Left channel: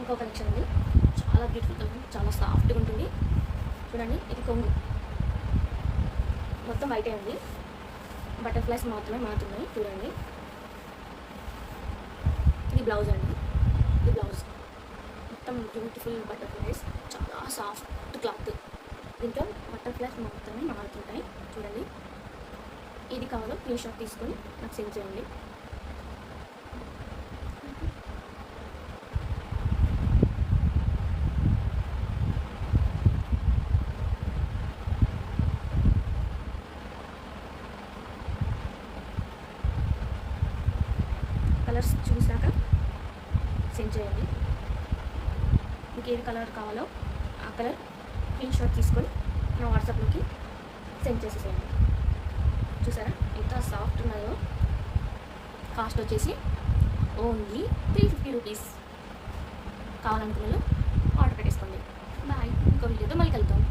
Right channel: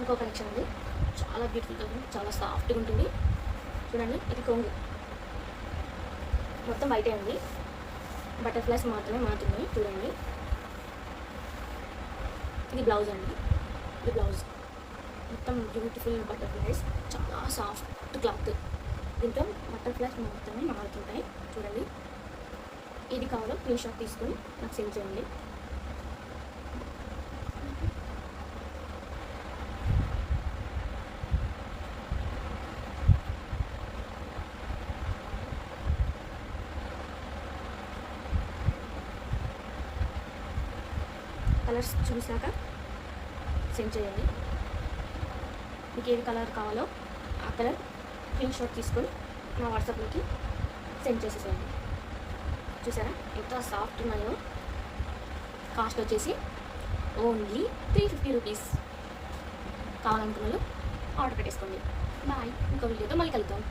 ఇంకో కలెక్షన్ అండి, చాలా బ్యూటిఫుల్గా ఉంటుంది, చాలా సాఫ్ట్గా ఉంటుంది. చూడండి, ఇది కొంగు మొత్తం వైటే అండి, బటర్ఫ్లైస్ మాత్రమే మారుతున్నాయి. చూడండి, ఇది బ్లౌజ్ అండి, ఇది బ్లౌజ్ మొత్తం బ్యూటిఫుల్ బటర్ఫ్లైస్, చాలా సాఫ్ట్ క్లాత్. దీంతో బటర్ఫ్లైస్ మాత్రమే మారుతుంటాయి. చూడండి, ఇది కావాలో స్క్రీన్ షాట్ తీసుకొని నాకు సెండ్ చేయండి. కలర్స్ చూసాక సెండ్ చేయండి. మీకు ఏది కలర్ కావాలో ఆ కలర్ స్క్రీన్ షాట్ తీసుకొని నా వాట్సాప్లోకి సెండ్ చేసేసేయండి. చూసారా ఎంత సాఫ్ట్ ఉన్నాయో. కాస్ట్ వచ్చేసి ఓన్లీ 350 రూపీస్. కావాలనుకున్నాను ఆర్డర్ పెట్టేసుకోండి. బాయ్, ఇంకో వీడియోతో మళ్ళీ కలుద్దాం.